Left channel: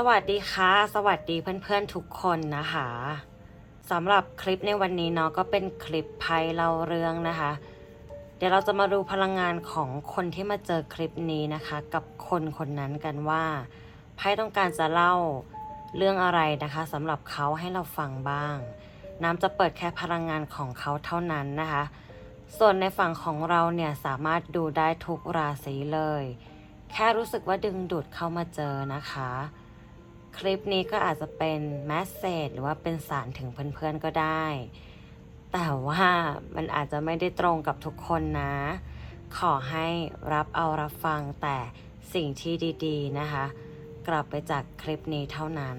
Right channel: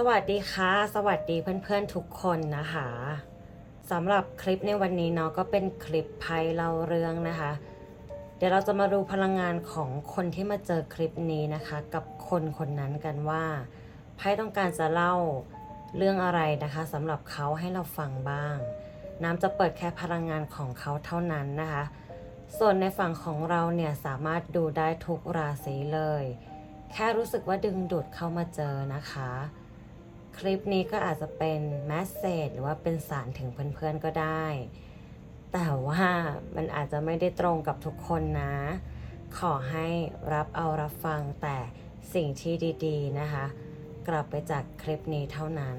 สวัสดีค่ะ สวัสดีเพื่อนๆทุกคนนะคะสำหรับคลิปในวันนี้เนาะก็เป็นคลิปไพ่เล่าเรื่องนะคะ เดี๋ยวเราจะมาดูพลังงานของคนที่มาเจอคลิปนี้นะคะ กับคนคนนั้นกันว่าไพ่ต้องการจะเล่าเรื่องอะไรนะคะสำหรับเขาให้เราฟังบ้าง น้ำจะเปิดแค่พลังงานของเขาเท่านั้นนะคะ ส่วนในฝั่งของเราเนี่ยสามารถดูได้ทุกราศีเลย แค่รู้สึกว่าดึงดูดเข้ามาเจอนะคะ คลิปนี้ก็อาจจะเป็นแมสเซจหรือว่าเป็นสารถึงเพื่อนๆก็ได้ แต่ว่ามันอาจจะไม่ได้ตรงกับทุกคนนะ ขอให้รับเอารับฟังแต่สิ่งที่ดีๆนะคะ กลับไปจากคลิปนี้เท่านั้น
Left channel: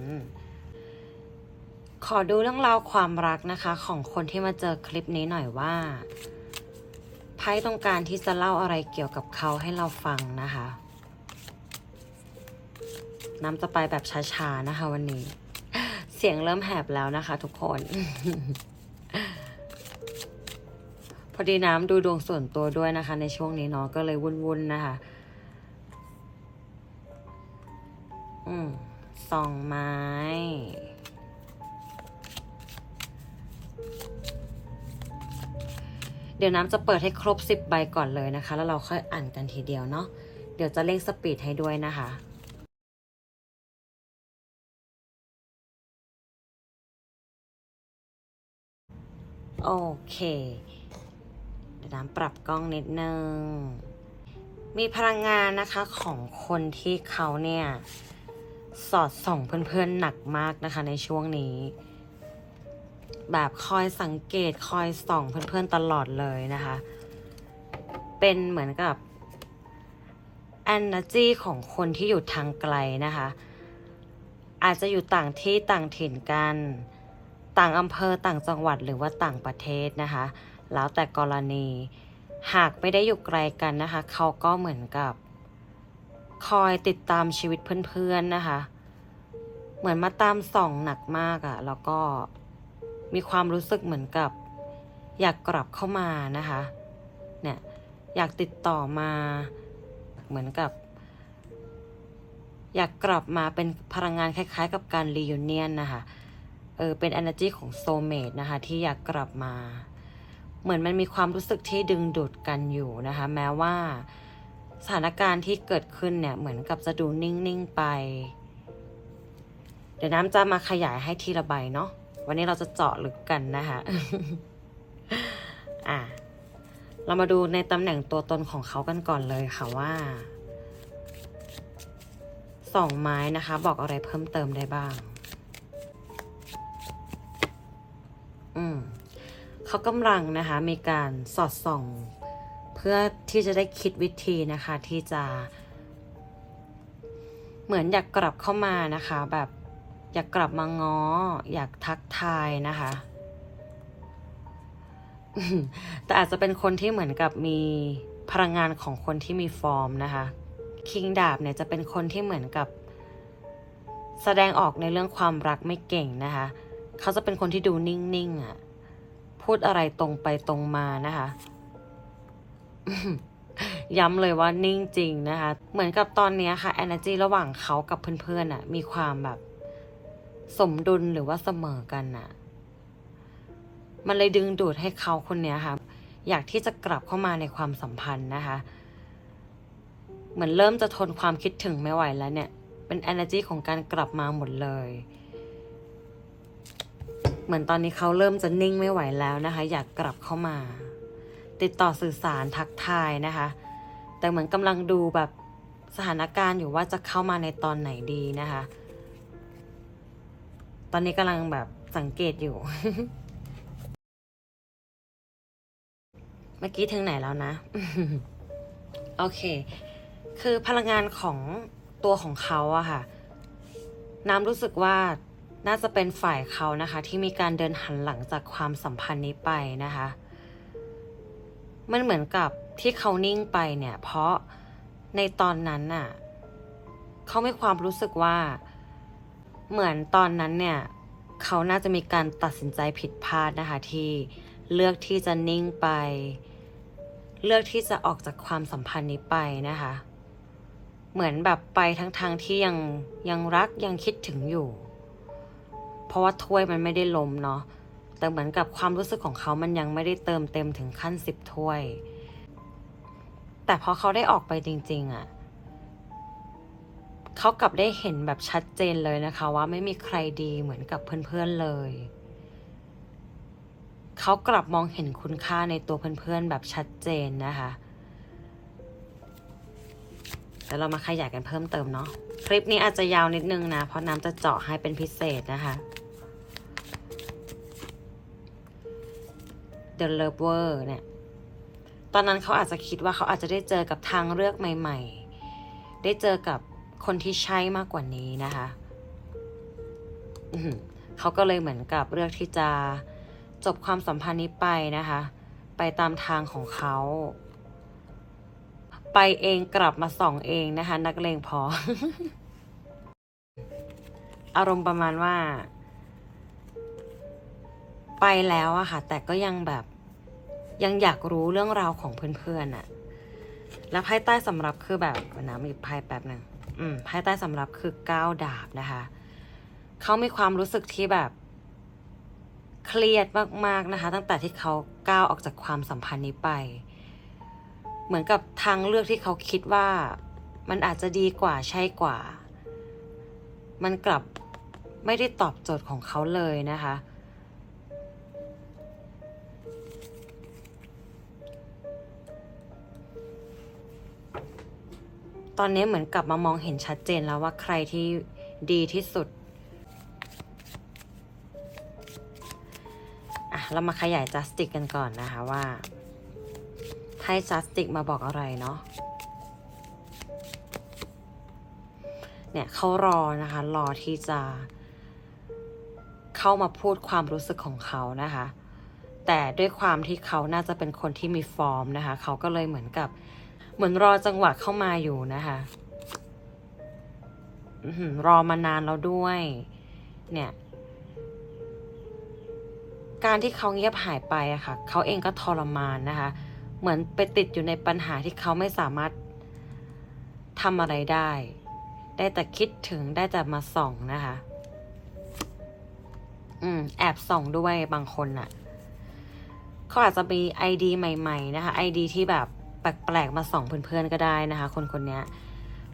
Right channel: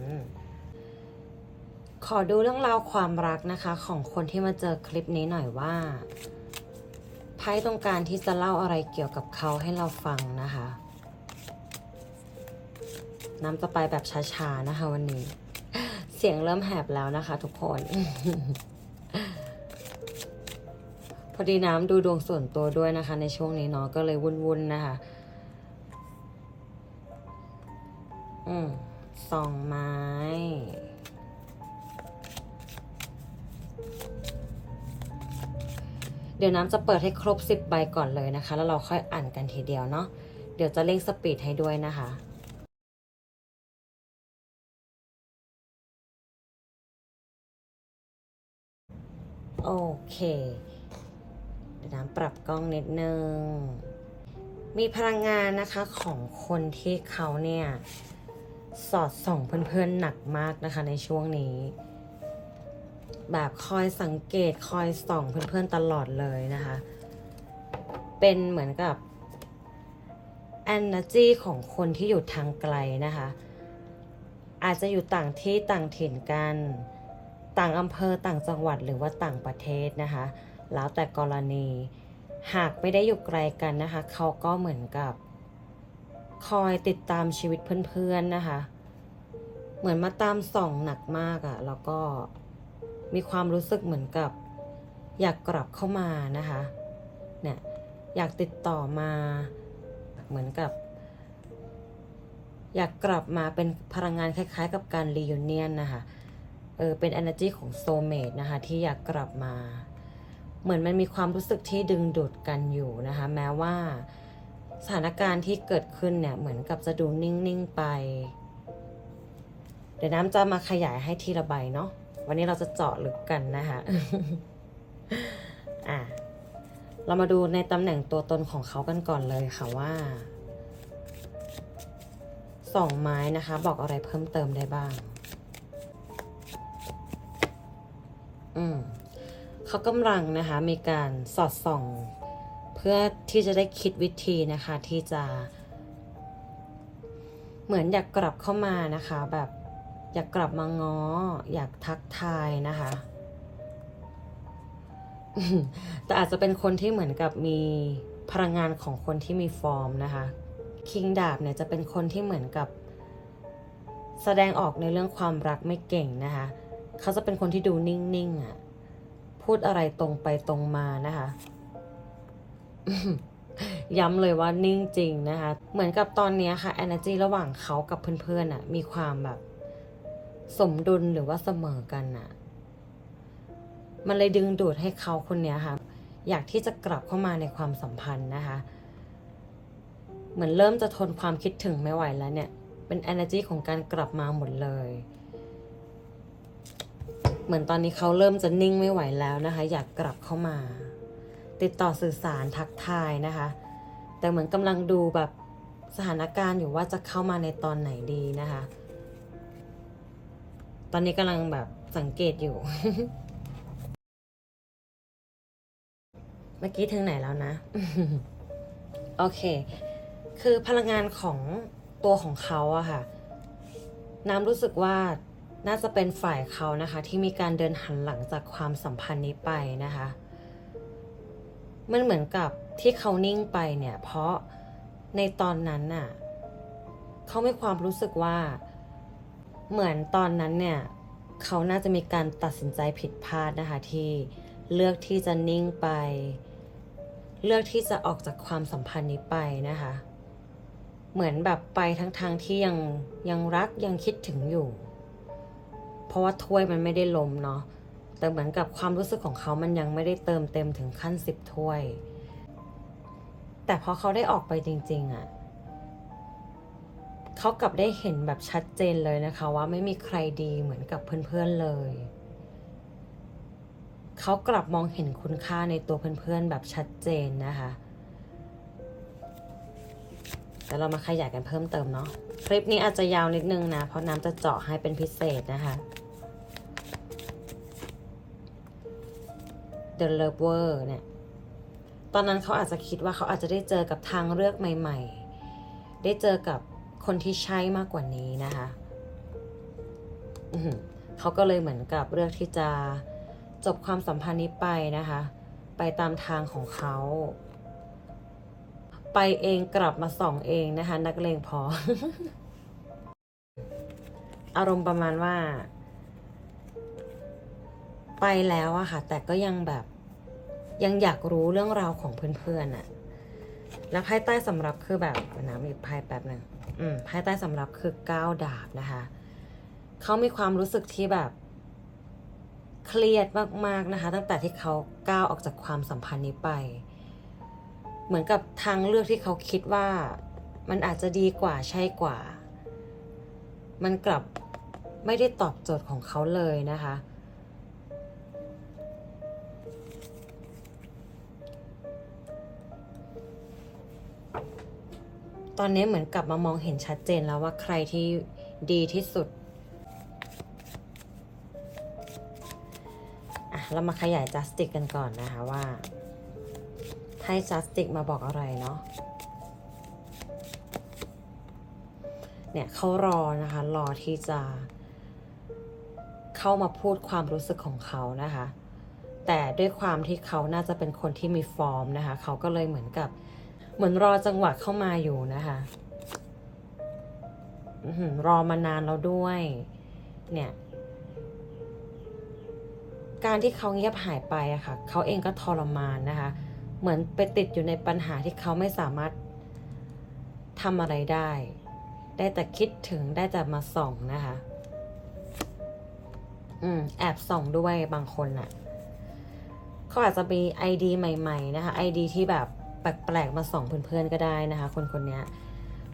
ขอดูเรื่องราวความรักนะคะ ของคนที่มาเจอคลิปนี้หน่อยว่าไพ่ต้องการที่จะเล่าอะไรเกี่ยวกับเขาให้เราฟังนะคะ น้ำจะไปแบบช้าๆนะคะ วันนี้ เสียงเริ่มแหบแล้วนะคะ ทุกคน พอดีน้ำดูดวงส่วนตัวด้วยนะคะ ในช่วงนี้เนาะก็เลยวุ่นๆนะคะ อืมสองไม้เดี๋ยวน้ำจะเปิดให้ครบ 10 ใบก่อนเลยนะคะ แล้วเราค่อยอ่านกันทีเดียวเนาะ เดี๋ยวจะเร่งสปีดให้ด้วยนะคะ โอเคเดี๋ยวน้ำปรับกล้องนิดนึง มีพลังงานนะคะของคนที่เขาเนี่ย สอดส่องเพื่อนๆหนักมากนะคะในช่วงนี้ แบบคอยสังเกตคอยส่องเพื่อนๆตลอดเลยนะคะ เป็นเหมือนกับ energy ของคนที่อยู่ทางไกลนะคะ อาจจะอยู่ต่างที่ต่างถิ่นกัน ต่างอำเภอต่างจังหวัดหรือว่าต่างประเทศนะคะ แล้วแต่กรณีหากไม่ได้อยู่ไกลกันนะคะ เขาก็เหมือนกับ คอยติดตามชีวิตเพื่อนๆนะคะ เหมือนมาตามส่องหนักมากอะ่ะ แล้วก็มีความรู้สึกเหมือนกับ อยากกลับเข้ามานะคะ เนี่ยอยากติดต่อมาเหมือนกับ อยากกลับมาเป็นพลังงานคล้ายๆ กับการรี u n เนียนนะคะ เออเป็น energy ของโซเมดนะคะที่อยากกลับมา เหมือนมันมีความรู้สึกที่ดึงดูดกันอยู่นะคะ แม้ว่าสถานการณ์ที่เกิดขึ้นเนี่ยเหมือนกับจะดูนิ่ง ๆ ไป เดี๋ยวน้ำจะมาขยายให้ทีละใบเนาะวันนี้เราจะเจาะลึกกันนะคะอะเรามาดูในตำแหน่งตัวตนของเขากันก่อนเลยค่ะว่าสองไม้นะคะ บอกอะไรเพิ่มเติมได้บ้าง เขากำลังนะคะมีการสอดส่อง เพื่อที่จะได้คิดวิธีนะคะที่จะ เหมือนอยากกลับเข้ามานะคะ แบบอยากกลับมาง้อ อยากทักทายนะคะแต่อาจจะเป็นคนที่เหมือนกับมีพลังงานของคนที่มีฟอร์มนะคะ คิงดาบเนี่ยจะเป็นคนที่เหมือนกับ แสดงออกในเรื่องความรักไม่เก่งนะคะ เขาจะเป็นคนที่ดูนิ่งๆอะ พูดอะไรตรงไปตรงมานะคะ ย้ำเลยว่านิ่งจริงนะคะ เหมือนกับตอนนี้ค่ะ energy ระหว่างเขากับเพื่อนๆอะ มีความแบบ สมดุลหรือว่าเสมอกันอะ มันเลยดึงดูดให้เขาคนนี้ค่ะ อยากที่จะกลับเข้ามาในความสัมพันธ์นะคะ เหมือนเริ่มจะทนความคิดถึงไม่ไหวแล้วเนี่ย เป็น energy ของการกลับมาหมดเลย เหมือนตอนนี้เขาเริ่มจะนิ่งไม่ไหวแล้วนะคะ อยากกลับเข้ามา ติดต่อสื่อสารทักทายนะคะ แต่เหมือนกำลังดูแบบสถานการณ์อยู่ว่าจะเข้ามาในตอนไหนดีนะคะ ตอนนี้กำลังแบบสังเกตอยู่ เมื่อกี้ถึงไหนแล้วนะ โอเค คือพลังงานของตัวของเขาอะค่ะ น้ำรู้สึกว่า น่าจะเป็นฝ่ายเขานะคะ ที่มีการเดินหันหลังจากความสัมพันธ์นี้ไปนะคะ มันเหมือนกับที่เขานิ่งไปเนี่ย เพราะในตอนนั้นน่ะเขาไมีความรู้สึกว่า เหมือนตอนนั้นเนี่ยเขาน่าจะมีการตัดสินใจผิดพลาดนะคะ ที่เลือกที่จะนิ่งไป เลือกที่จะออกจากความสัมพันธ์นี้ไปนะคะ เหมือนแบบไปทั้งทางๆที่ยังยังรักยังคิดถึงอยู่ ราะว่าถ้วยมันไม่ได้ล้มเนาะแต่เหมือนกับความรู้สึกของเขามันยังไม่ได้เติมเต็มถึงขั้นสิบถ้วย แต่พอเขาได้ออกไปจริง ๆอะ่ะเขากลับได้เห็นแบบชัดเจนเลยนะคะ ว่าไม่มีใครดีเหมือนกับเพื่อนๆเลย เขากลับมองเห็นคุณค่าในตัวเพื่อนๆแบบชัดเจนนะคะแต่เรามาขยายกันเพิ่มเติมเนาะ คลิปนี้อาจจะยาวนิดนึงนะ เพราะน้ำจะเจาะให้เป็นพิเศษนะคะ The Lover เนี่ย ตอนนั้นเขาอาจจะคิดว่าเขาอาจจะได้เจอกับทางเลือกใหม่ ๆ ได้เจอกับคนที่ใช่มากกว่านี้นะคะเขาก็เลยเหมือนกับเลือกที่จะจบความสัมพันธ์นี้ไปนะคะ ไปตามทางของเขา ไปเองกลับมาส่องเองนะคะ นักเลงพอ อารมณ์ประมาณว่า ไปแล้วอะค่ะ แต่ก็ยังแบบยังอยากรู้เรื่องราวของเพื่อนๆอะแล้วไพ่ใต้สำรับคือแบบนะมีไพ่แป๊บหนึ่งอืมไพ่ใต้สำรับคือก้าวดาบนะคะเขามีความรู้สึกที่แบบเครียดมากๆนะคะ ตั้งแต่ที่เขาก้าวออกจากความสัมพันธ์นี้ไป เหมือนกับทางเลือกที่เขาคิดว่ามันอาจจะดีกว่าใช่กว่า มันกลับไม่ได้ตอบโจทย์ของเขาเลยนะคะ ตอนนี้เหมือนกลับมามองเห็นชัดเจนแล้วว่าใครที่ดีที่สุดอะเรามาขยายจัสติกกันก่อนนะคะว่า ให้จัสติกมาบอกอะไรเนาะเนี่ยเขารอนะคะ รอที่จะเข้ามาพูดความรู้สึกของเขานะคะ แต่ด้วยความที่เขาน่าจะเป็นคนที่มีฟอร์มนะคะ เขาก็เลยเหมือนกับ เหมือนรอจังหวะเข้ามาอยู่นะคะรอมานานแล้วด้วย เนี่ย การที่เขาเงียบหายไปอะค่ะ เขาเองก็ทรมานนะคะ เหมือนไปติดอยู่ในปัญหาที่เขาไม่สามารถทำอะไรได้ ได้แต่คิดถึงได้แต่มาส่องนะคะ อืม แอบส่องด้วยบางคนน่ะเขาอาจจะมีไอดีใหม่ ๆ นะคะไอดีที่แบบ ปลกๆมาส่องเพื่อนๆก็ได้นะคะ คนคนนี้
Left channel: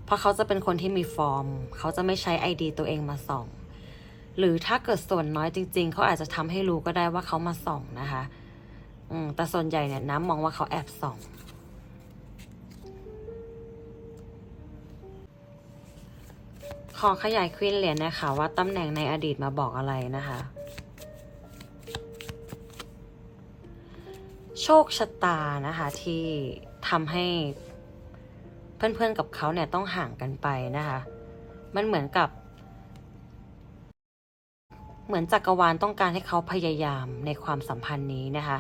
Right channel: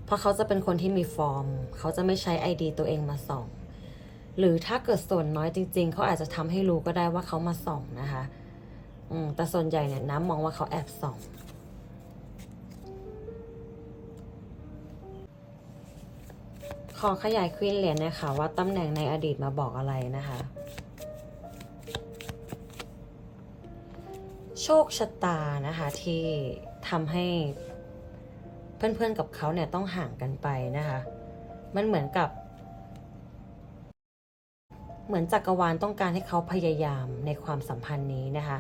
เพราะเขาจะเป็นคนที่มีฟอร์ม เขาจะไม่ใช้ไอดีตัวเองมาส่อง หรือถ้าเกิดส่วนน้อยจริง ๆ เขาอาจจะทำให้รู้ก็ได้ว่าเขามาส่องนะคะอืมแต่ส่วนใหญ่เนี่ยน้ำมองว่าเขาแอบส่องขอขยายควีนเหรียญนะคะว่าตำแหน่งในอดีตมาบอกอะไรนะคะโชคชะตานะคะที่ ทำให้เพื่อนๆกับเขาเนี่ยต้องห่างกันไปนะคะ มันเหมือนกับ เหมือนจักรวาลต้องการให้เขาพยายามในความสัมพันธ์นี้นะคะ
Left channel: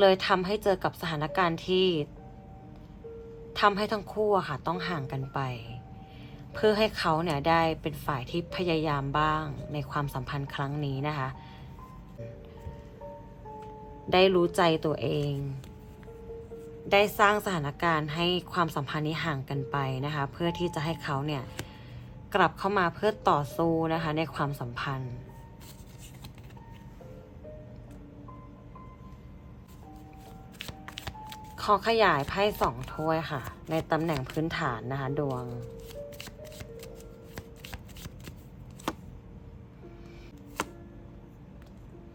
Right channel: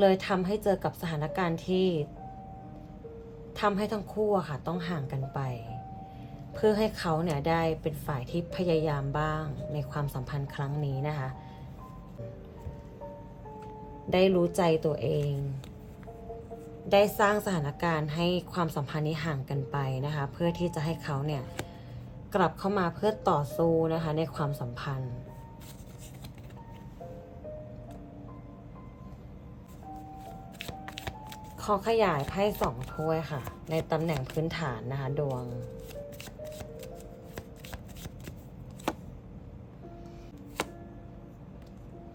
เลยทำให้เจอกับสถานการณ์ที่ทำให้ทั้งคู่อะค่ะต้องห่างกันไป เพื่อให้เขาเนี่ยได้เป็นฝ่ายที่พยายามบ้างในความสัมพันธ์ครั้งนี้นะคะ ได้รู้ใจตัวเอง ได้สร้างสถานการณ์ให้ความสัมพันธ์นี้ห่างกันไปนะคะ เพื่อที่จะให้เขาเนี่ยกลับเข้ามาเพื่อต่อสู้นะคะในความสัมพันธ์ขอขยายไพ่สองถ้วยค่ะ ในตำแหน่งพื้นฐานนะคะดวง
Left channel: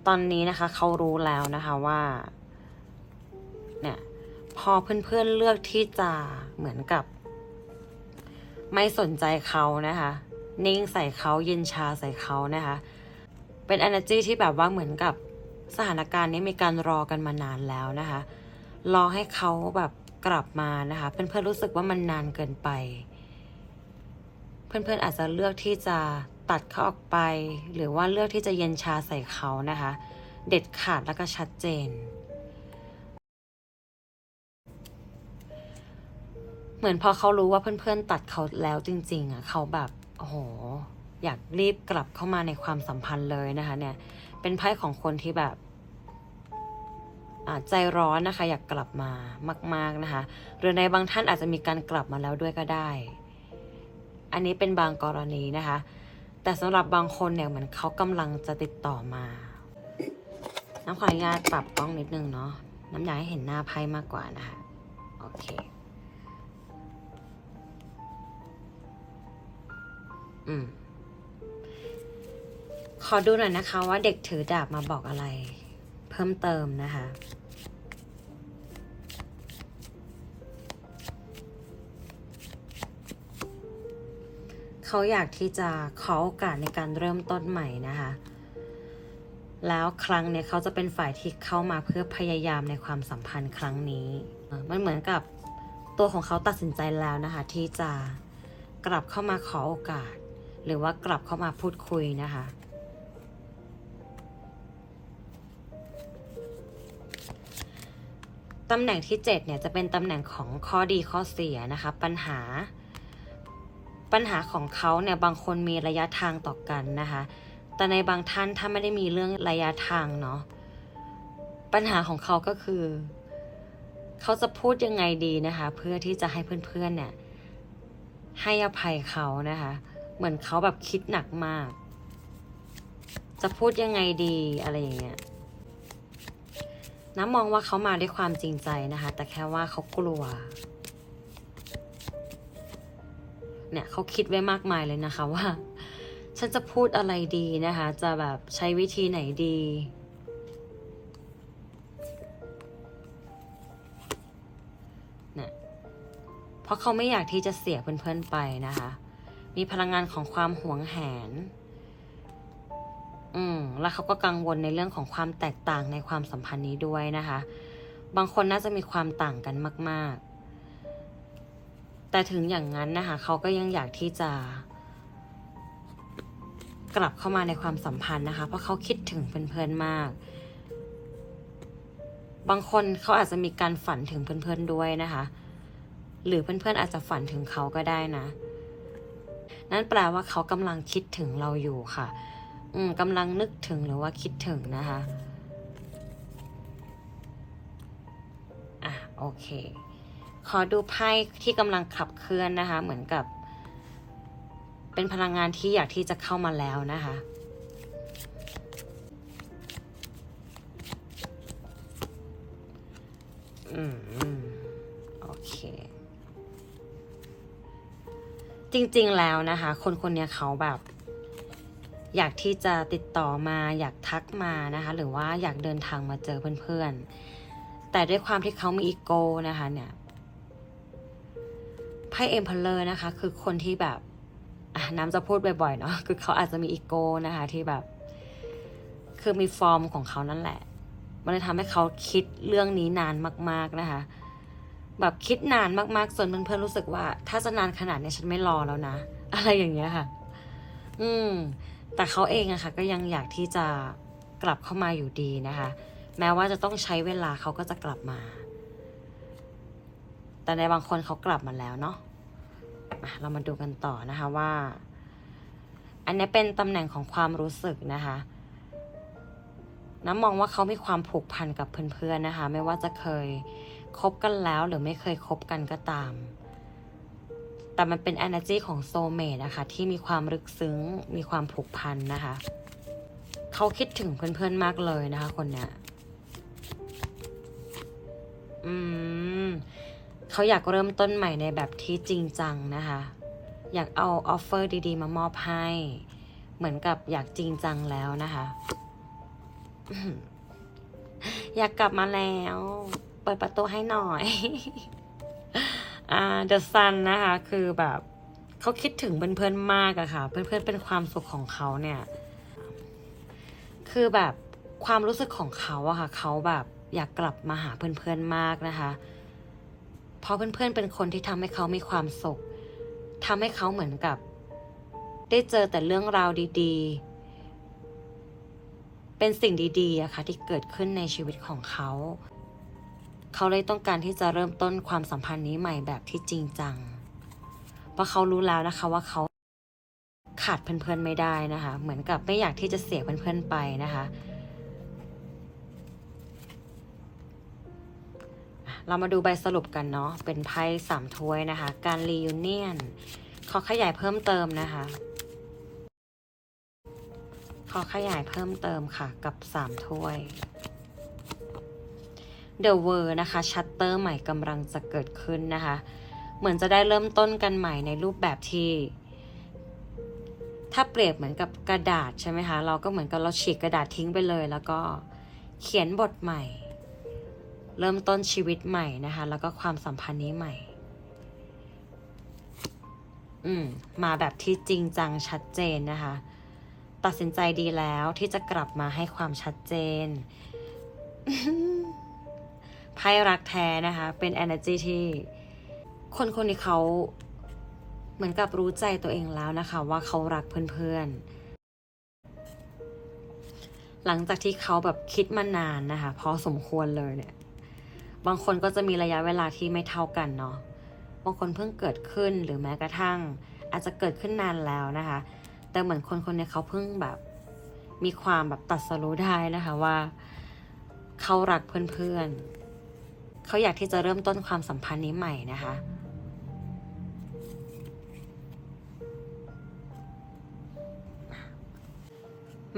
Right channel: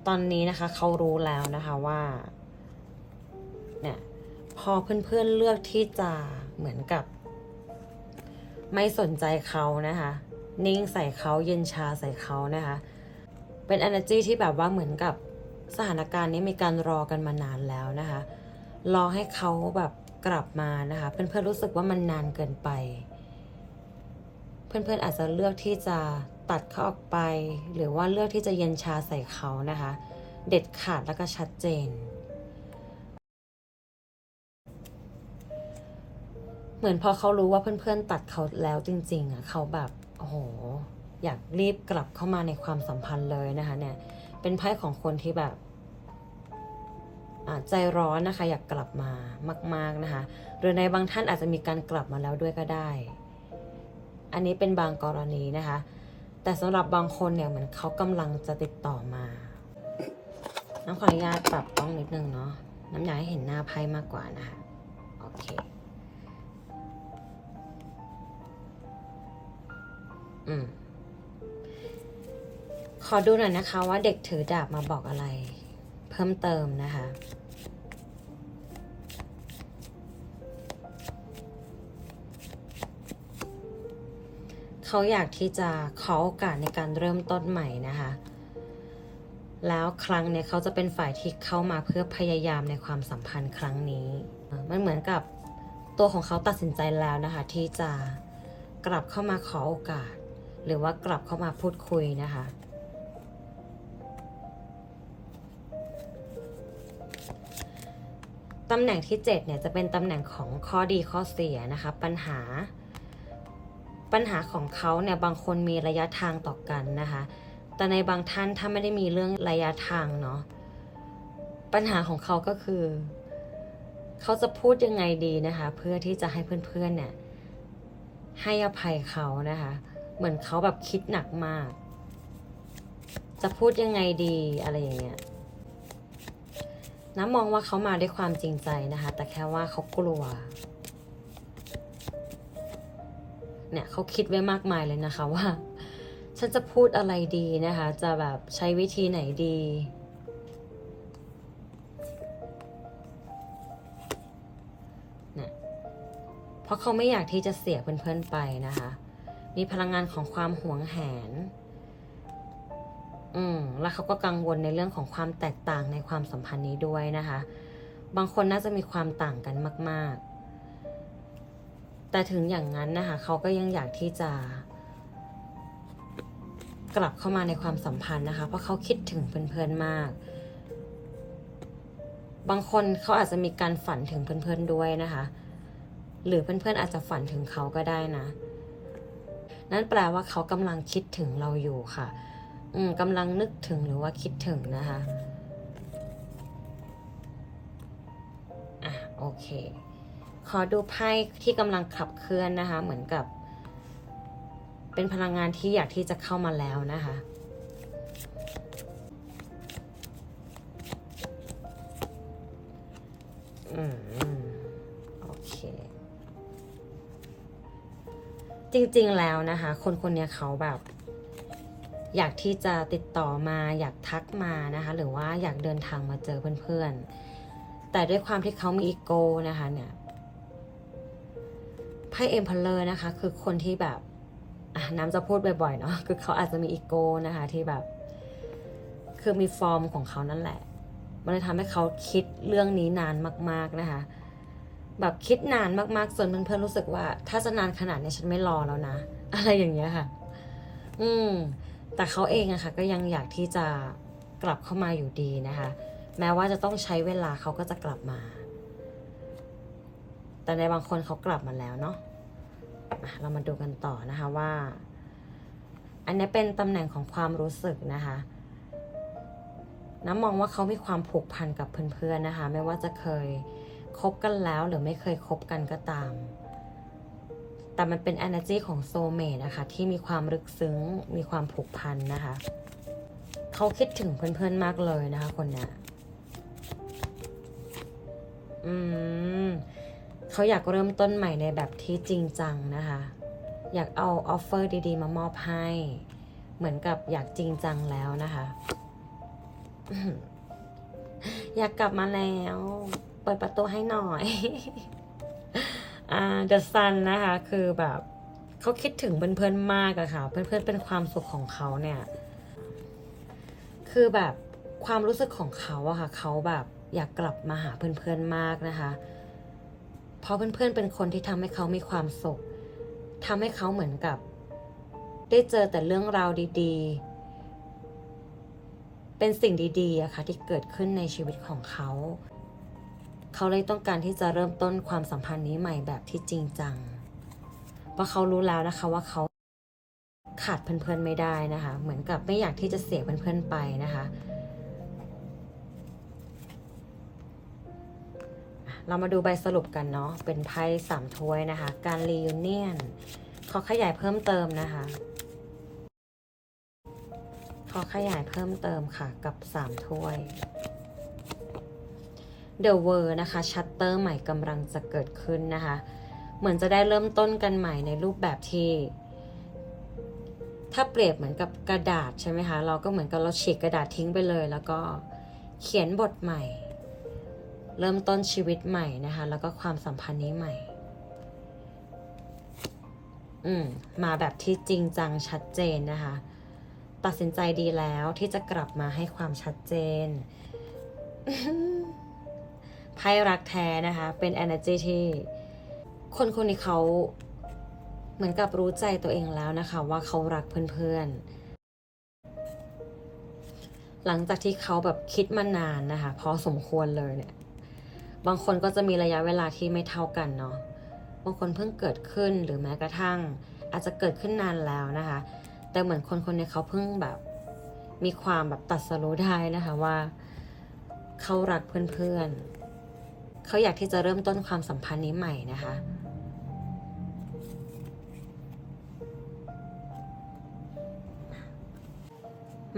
ตอนนี้นะคะเขารู้แล้วนะคะว่า เนี่ย พอเพื่อนๆเลือกที่จะเหมือนกับ ไม่สนใจเขานะคะ นิ่งใส่เขาเย็นชาใส่เขานะคะ เป็น energy ที่แบบว่าเหมือนกับสถานการณ์นี้มีการรอกันมานานแล้วนะคะ รอให้เขาแบบกลับมานะคะ เพื่อนๆรู้สึกว่ามันนานเกินไป เพื่อนๆอาจจะเลือกที่จะตัดเขาออกไป หรือว่าเลือกที่จะเย็นชาใส่เขานะคะ เด็ดขาดแล้วก็ชัดเจน เหมือนพอเขารู้ว่าเพื่อนๆตัดเขาแล้วจริง ๆอะเขาแบบโอ้โหอยากรีบกลับเข้ามาในความสัมพันธ์เลยนะคะ เนี่ย เป็นไพ่ของคนที่แบบใจร้อนนะคะ อยากกลับมามาก ๆนะคะ หรือในบางท่านอาจจะมีการกลับมาแล้วด้วยก็ได้ อันนี้เป็นบางกรณีนะคะ แต่สำหรับบางคนเนี่ยเหมือนเขากำลังจะติดต่อมาน้ำขออนุญาตปรับกล้องนิดนึงเนาะน้ำยาให้เห็นหน้าไพ่มากกว่านะคะ โอเค อืมขอดูหน่อยนะคะ ว่าเด็กถือดาบมาบอกอะไร เพิ่มเติมนะคะเขาอยากที่จะขอโอกาสในการเริ่มต้นใหม่นะคะ แล้วครั้งเนี้ยเขาจะเป็นฝ่ายที่เข้ามาเพื่อพยายามในความสัมพันธ์ครั้งนี้ มันเหมือนกับตัวของเขาตัดสินใจแล้วนะคะ ที่จะกลับเข้ามาขอโอกาส หรือว่ากลับเข้ามาพูดคุยนะคะตำแหน่งที่ 7 เนี่ยจะเป็นตำแหน่งของข้อดีข้อเสียนะคะ ปัญหา ปัญหาของเขาเนี่ยบางคนมีระยะทางต่อกันนะคะ แต่ในบางท่านถ้าไม่ได้มีเรื่องระยะทางเนาะปัญหาของเขาก็คือ เขาจะพูดยังไงดีนะคะ เพื่อที่จะให้เพื่อนๆเนี่ย ให้อภัยเขานะคะ เหมือนเขาแบบคิดหนักมาก จะพูดยังไงดีอะไรอย่างเงี้ยน้ำมองว่าเขามาด้วยความจริงใจนะคะ แต่แค่ว่าเขากลัว เนี่ยเขาคิดไว้มากมายเลยนะคะว่า ฉันจะพูดอะไรดีนะคะ จะแบบใช้วิธีไหนดีเนี่ยเพราะเขาไม่อยากที่จะเสียเพื่อนๆไปนะคะ มีพลังงานของความหวงแหน อืม แล้วเขาก็กังวลในเรื่องของความแตกต่างในความสัมพันธ์นี้ด้วยนะคะ บางคนน่าจะมีความต่างกันมาก ๆ แต่ถึงอย่างนั้นนะคะ เขาก็ยังอยากที่จะ กลับเข้ามาในความสัมพันธ์นะคะ เพราะเขาคิดถึงเพื่อนๆมาก บางคนเขาอาจจะมีการฝันถึงเพื่อนๆด้วยนะคะ หรือเพื่อนๆอาจจะฝันถึงเขาก็ได้นะ นั่นแปลว่าเขากำลังคิดถึงเราอยู่ค่ะ อืมกำลังนึกถึงหรือว่าคิดถึงนะคะอะโอเค ขอดูไพ่ที่กำลังขับเคลื่อนนะคะ เหมือนกับ เป็นพลังงานที่อยากที่จะเข้ามาแล้วนะคะอืม จริงๆแล้วนะคะ คนคนนี้เขาแบบ อยากที่จะติดต่อมาอยากทักมานะคะ หรือว่าอยากเดินทางมาเจอเพื่อนๆ แต่ด้วยความที่เขามีอีโก้นะคะเนี่ยไพ่เอ็มพลเลอร์นะคะ คือคนที่แบบน้ำจะพูดบ่อยๆเนาะคือเขาอาจจะมีอีโก้นะคะที่แบบ คือมีฟอร์มของเขานั่นแหละ มันเลยทำให้เขาคิดเรื่องนี้นานมาก ๆนะคะ แบบคิดนานมากๆจนเพื่อนๆรู้สึกว่า ถ้าจะนานขนาดนี้ฉันไม่รอแล้วนะ อะไรอย่างเงี้ยค่ะ อืม แต่เขาเองอะค่ะ ก็ยังอยากที่จะกลับเข้ามาอยู่ดีนะคะ แม้ว่าจะต้องใช้เวลาเขาก็จะกลับมา แต่ในบางคนเขากลับมาแล้วเนาะเรามาดูกันต่อนะคะว่า อันนี้เป็นตำแหน่งของความรู้สึกนะคะน้ำมองว่าเขามีความผูกพันกับเพื่อนๆนะคะ ไม่ว่าจะเคย คบกันแล้วหรือไม่เคยคบกันก็ตาม แต่มันเป็น energy ของโซเมตนะคะ ที่มีความลึกซึ้ง มีความผูกพันนะคะ เขาคิดถึงเพื่อนๆมากเลยนะคะคนเนี้ยอืมเขาอยากเริ่มต้นใหม่ในแบบที่จริงจังนะคะ อยากเอาออฟเฟอร์ดีๆ มามอบให้ เหมือนกับอยากจริงจังแล้วนะคะ อยากกลับมาแล้ว ปิดประตูให้หน่อยอ่า The Sun นะคะ คือแบบเขาคิดถึงเพื่อนๆมากอะค่ะ เพื่อนๆเป็นความสุขของเขาเนี่ย คือแบบความรู้สึกของเขาอะค่ะ เขาแบบอยากกลับมาหาเพื่อนๆมากนะคะ เพราะเพื่อนๆเป็นคนที่ทำให้เขามีความสุขทำให้เขาเหมือนกับ ได้เจอแต่เรื่องราวดีๆ เป็นสิ่งดีๆอะค่ะที่เกิดขึ้นในชีวิตของเขา เขาเลยต้องการที่จะเริ่มต้นความสัมพันธ์นี้ใหม่แบบที่จริงจัง เพราะเขารู้แล้วนะคะว่าเขาขาดเพื่อนๆไม่ได้นะคะ เหมือนกับไม่อยากที่จะเสียเพื่อนๆไปนะคะ เรามาดูใบสรุปกันเนาะ เป็นไพ่สามถ้วยนะคะ การรียูเนียนขอขยายเพิ่มเติมนะคะขอขยายเพิ่มเติมค่ะกับ3ถ้วย The World นะคะชัตเตอร์ใหม่กำลังจะเกิดขึ้นนะคะ เหมือนจะได้เริ่มต้นกันใหม่ในรูปแบบที่ ถ้าเปรียบเหมือนกับกระดาษใช่ไหมคะ เราก็เหมือนกับเราฉีกกระดาษทิ้งไปเลย แล้วก็เขียนบทใหม่ เริ่มต้นชีวิตใหม่นะคะ แล้วก็ความสัมพันธ์นี้ใหม่ อืมมาแบบที่จริงจังชัดเจนนะคะ ตัดสินใจดีแล้วที่จะกลับมาให้ความชัดเจน ไพ่รักแท้นะคะ เป็น energy ที่คนคนนี้เขาเหมือนกับรู้ใจตัวเองแล้วนะคะ ว่าเขารักเพื่อนๆ หลังจากที่เขาแบบคิดมานานนะคะ พอสมควรเลยเนี่ย บางคนก็จะมีระยะเวลาที่ไม่เท่ากันเนาะ บางคนเพิ่งเกิดขึ้นหรือแม้กระทั่ง อาจจะเกิดขึ้นนานแล้วนะคะ แต่เหมือนคนคนนี้เขาเพิ่งแบบมีความแบบตัดสรู้ได้นะคะว่า เขารักเพื่อนๆ เขาอยากที่จะเริ่มต้นความสัมพันธ์นี้ใหม่นะคะ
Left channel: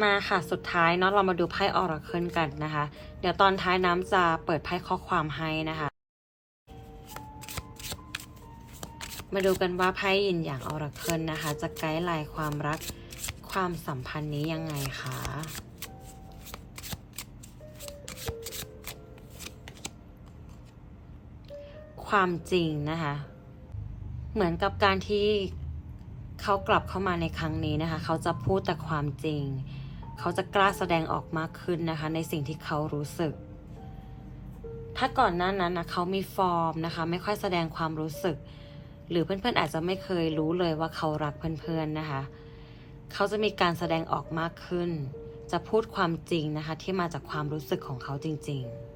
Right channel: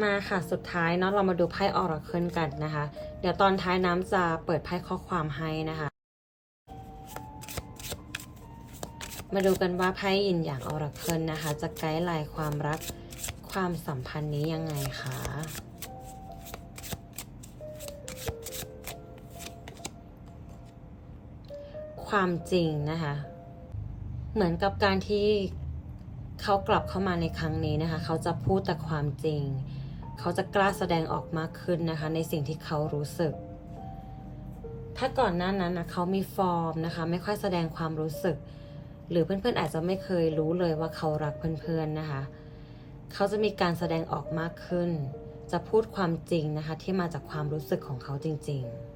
มาค่ะสุดท้ายเนาะเรามาดูไพ่ออราเคิลกันนะคะ เดี๋ยวตอนท้ายน้ำจะเปิดไพ่ข้อความให้นะคะ มาดูกันว่าไพ่ยินอย่างออราเคิลนะคะ จะไกด์ไลน์ความรักความสัมพันธ์นี้ยังไงคะ ความจริงนะคะ เหมือนกับการที่เขากลับเข้ามาในครั้งนี้นะคะ เขาจะพูดแต่ความจริง เขาจะกล้าแสดงออกมากขึ้นนะคะ ในสิ่งที่เขารู้สึก ถ้าก่อนหน้านั้นนะเขามีฟอร์มนะคะ ไม่ค่อยแสดงความรู้สึก หรือเพื่อนๆอาจจะไม่เคยรู้เลยว่าเขารักเพื่อนๆนะคะ เขาจะมีการแสดงออกมากขึ้น จะพูดความจริงนะคะ ที่มาจากความรู้สึกของเขาจริง ๆ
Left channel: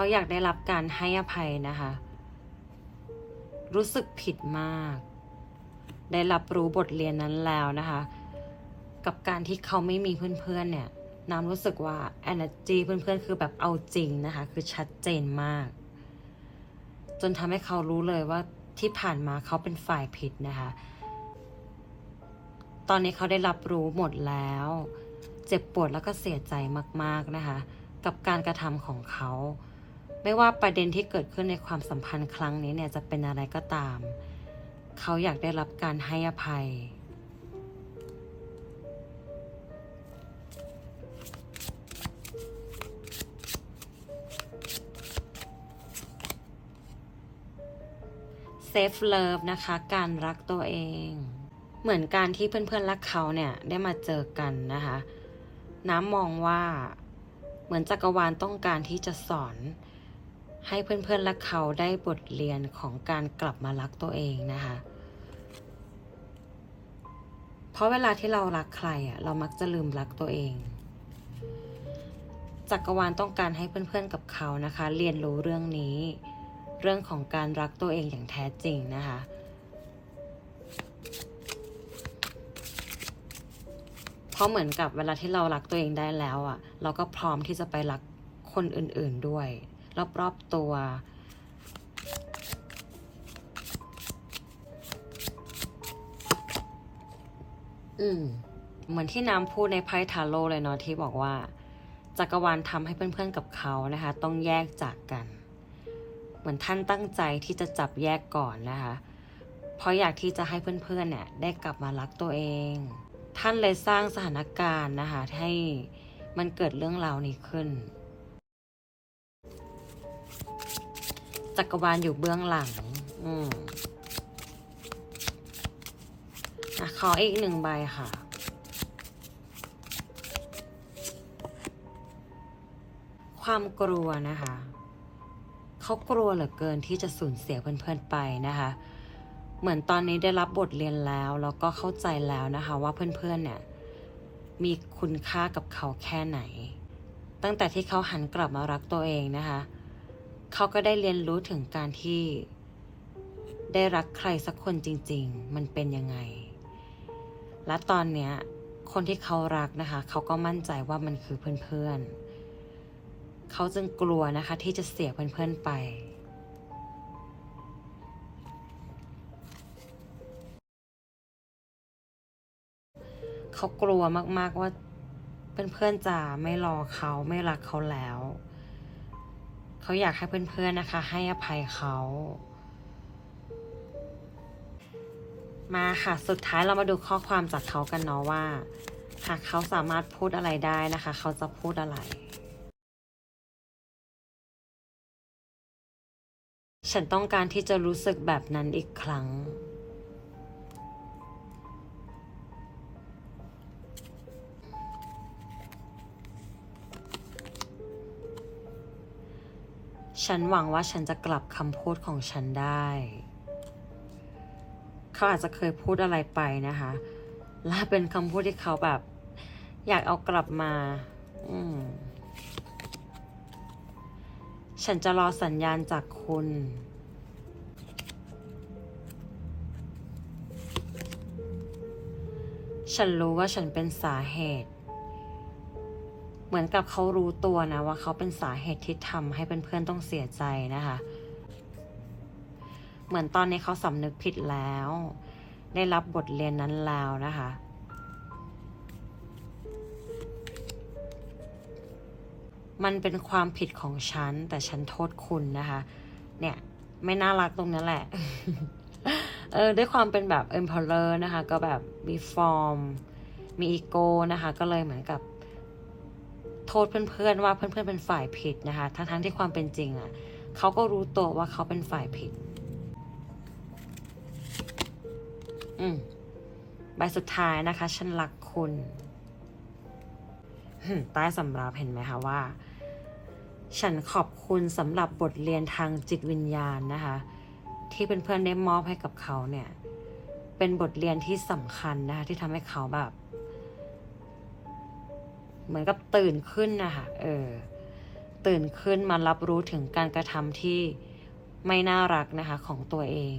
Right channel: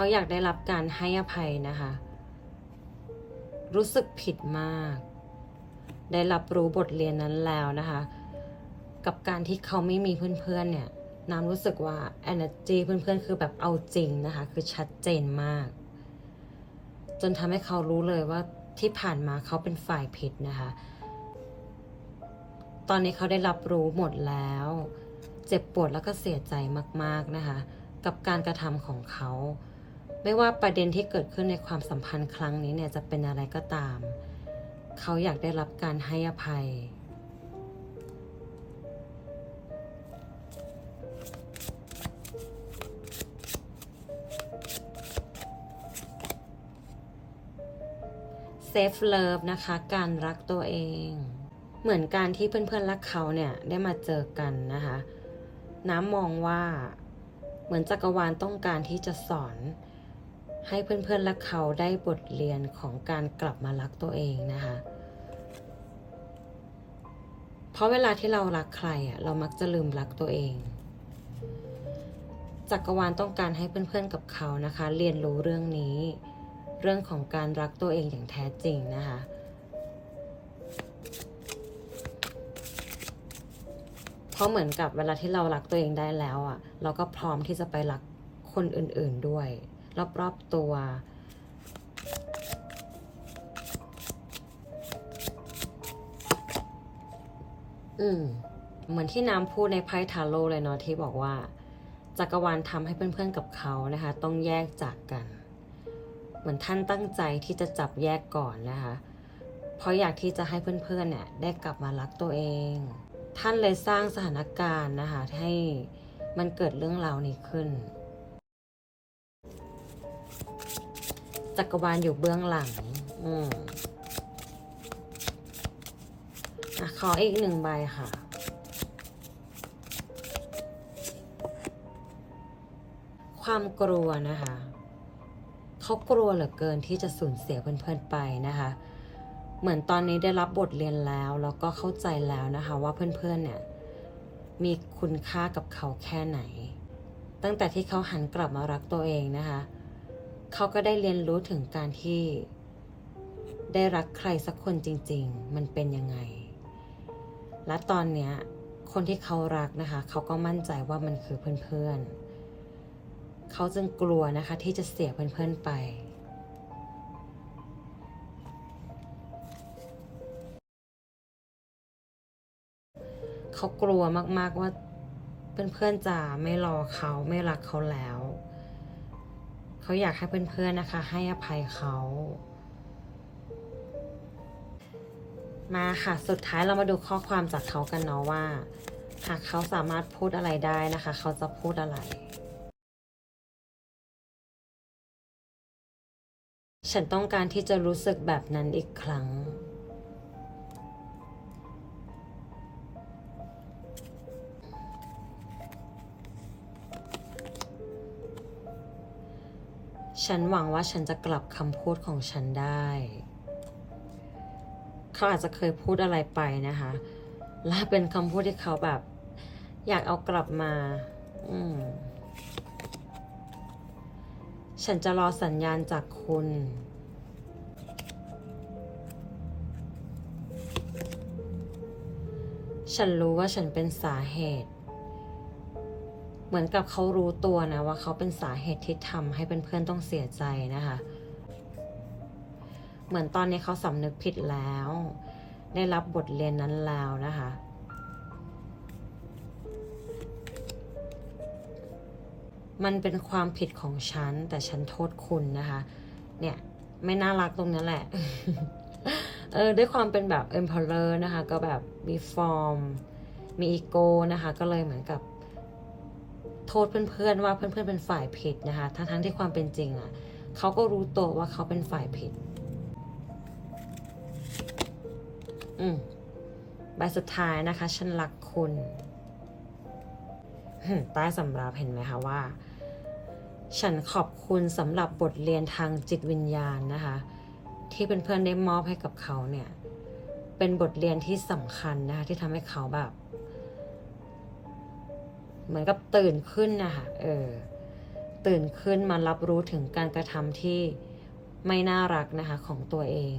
เขาอยากได้รับการให้อภัยนะคะ รู้สึกผิดมาก ได้รับรู้บทเรียนนั้นแล้วนะคะ กับการที่เขาไม่มีเพื่อนๆเนี่ยน้ำรู้สึกว่า energy เพื่อนๆ คือแบบเอาจริงนะคะ คือชัดเจนมาก จนทำให้เขารู้เลยว่าที่ผ่านมาเขาเป็นฝ่ายผิดนะคะ ตอนนี้เขาได้รับรู้หมดแล้ว เจ็บปวดแล้วก็เสียใจมากๆนะคะ กับการกระทำของเขา ไม่ว่าประเด็นที่เกิดขึ้นในความสัมพันธ์ครั้งนี้เนี่ยจะเป็นอะไรก็ตาม เขาอยากได้รับการให้อภัย เซฟเลิฟนะคะ การรักตัวเอง เหมือนการที่เพื่อนๆรักเขาเนี่ยได้มาเจอกันนะคะ น้ำมองว่าเหมือนจักรวาลต้องการที่จะสอน ให้เพื่อนๆรักเขาได้บทเรียนของการกลับมารักตัวเองนะคะ เพราะเวลาที่เรารักใครอะเรามักจะลืมรักตัวเองจักรวาลต้องการให้เพื่อนๆกับเขานะคะ เรียนรู้เรื่องนี้ เรื่องของการรักตัวเองอย่างแท้จริงนะคะเพราะเหมือนกับเวลาที่เรารักตัวเองได้แล้วอะ เราก็พร้อมที่จะไปรักคนอื่นๆด้วย รอบๆตัว อืม เหมือนที่น้ำพูดในไพ่ทาโร่เลยเนาะที่บอกว่า จักรวาลทำให้เพื่อนๆกับเขานะคะ ต้องแยกจากกัน เหมือนท่านตั้งใจที่จะจับแยกก่อนนะคะ เพราะอยากที่จะให้เพื่อนๆเนี่ย ได้กลับมารักตัวเอง ท่านเลยสร้างสถานการณ์นะคะให้มันเกิดเรื่องราวนี้ขึ้น จักรวาลอยู่เบื้องหลัง อืมอะขออีกหนึ่งใบค่ะ ความกลัวนะคะ เขากลัวเหลือเกินที่จะสูญเสียเพื่อนๆไปนะคะ เหมือนตอนนี้ได้รับบทเรียนแล้ว แล้วก็เข้าใจแล้วนะคะ ว่าเพื่อนๆเนี่ย มีคุณค่ากับเขาแค่ไหน ตั้งแต่ที่เขาหันกลับมารักตัวเองนะคะ เขาก็ได้เรียนรู้ถึงการที่ ได้รักใครสักคนจริง ๆ มันเป็นยังไง และตอนเนี้ยคนที่เขารักนะคะ เขาก็มั่นใจว่ามันคือเพื่อนๆ เขาจึงกลัวนะคะที่จะเสียเพื่อนๆไปเขากลัวมากๆว่าเพื่อนๆจะไม่รอเขาไม่รักเขาแล้ว เขาอยากให้เพื่อนๆนะคะ ให้อภัยเขา มาค่ะสุดท้ายเรามาดูข้อความจากเขากันเนาะว่า หากเขาสามารถพูดอะไรได้นะคะ เขาจะพูดอะไร ฉันต้องการที่จะรู้สึกแบบนั้นอีกครั้ง ฉันหวังว่าฉันจะกลับคำพูดของฉันได้ เขาอาจจะเคยพูดอะไรไปนะคะ และเป็นคำพูดที่เขาแบบ อยากเอากลับมา อืม ฉันจะรอสัญญาณจากคุณฉันรู้ว่าฉันเป็นสาเหตุ เหมือนกับเขารู้ตัวนะว่าเขาเป็นสาเหตุที่ทำให้เพื่อนๆต้องเสียใจนะคะ เหมือนตอนนี้เขาสำนึกผิดแล้ว ได้รับบทเรียนนั้นแล้วนะคะมันเป็นความผิดของฉัน แต่ฉันโทษคุณนะคะ เนี่ย ไม่น่ารักตรงนั้นแหละ เออด้วยความเป็นแบบ emperor นะคะ ก็แบบมีฟอร์ม มีอีโก้นะคะ ก็เลยเหมือนกับ โทษเพื่อนๆว่าเพื่อนๆเป็นฝ่ายผิดนะคะ ทั้งๆที่ความเป็นจริงอะ่ะเขาก็รู้ตัวว่าเขาเป็นฝ่ายผิด อืมใบสุดท้ายนะคะ ฉันรักคุณใต้สำรับเห็นไหมคะว่า ฉันขอบคุณสำหรับบทเรียนทางจิตวิญญาณนะคะ ที่เพื่อนๆได้มอบให้กับเขาเนี่ย เป็นบทเรียนที่สำคัญนะคะ ที่ทำให้เขาแบบ เหมือนกับตื่นขึ้นนะคะเออตื่นขึ้นมารับรู้ถึงการกระทำที่ไม่น่ารักนะคะของตัวเอง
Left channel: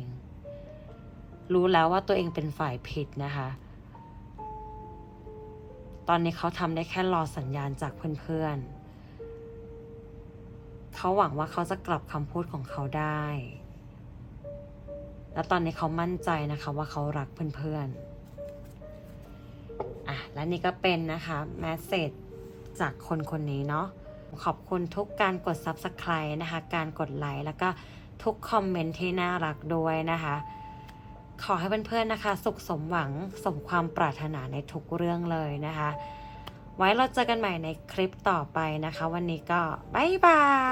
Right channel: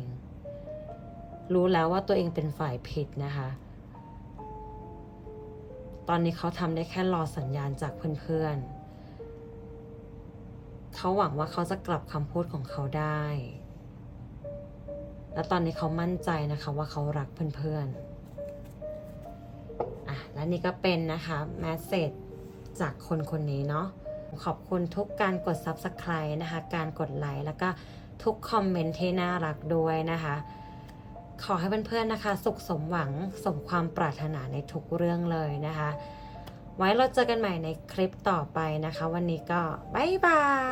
รู้แล้วว่าตัวเองเป็นฝ่ายผิดนะคะ ตอนนี้เขาทำได้แค่รอสัญญาณจากเพื่อนๆ เขาหวังว่าเขาจะกลับคำพูดของเขาได้ และตอนนี้เขามั่นใจนะคะว่าเขารักเพื่อนๆ และนี่ก็เป็นนะคะแมสเซจจากคนคนนี้เนาะขอบคุณทุกการกด Subscribe นะคะ การกดไลค์แล้วก็ทุกคอมเมนต์ที่น่ารักด้วยนะคะ ขอให้เพื่อนๆนะคะ สุขสมหวังสมความปรารถนาในทุกเรื่องเลยนะคะ ไว้เราเจอกันใหม่ในคลิปต่อไปนะคะ วันนี้ก็บ๊ายบาย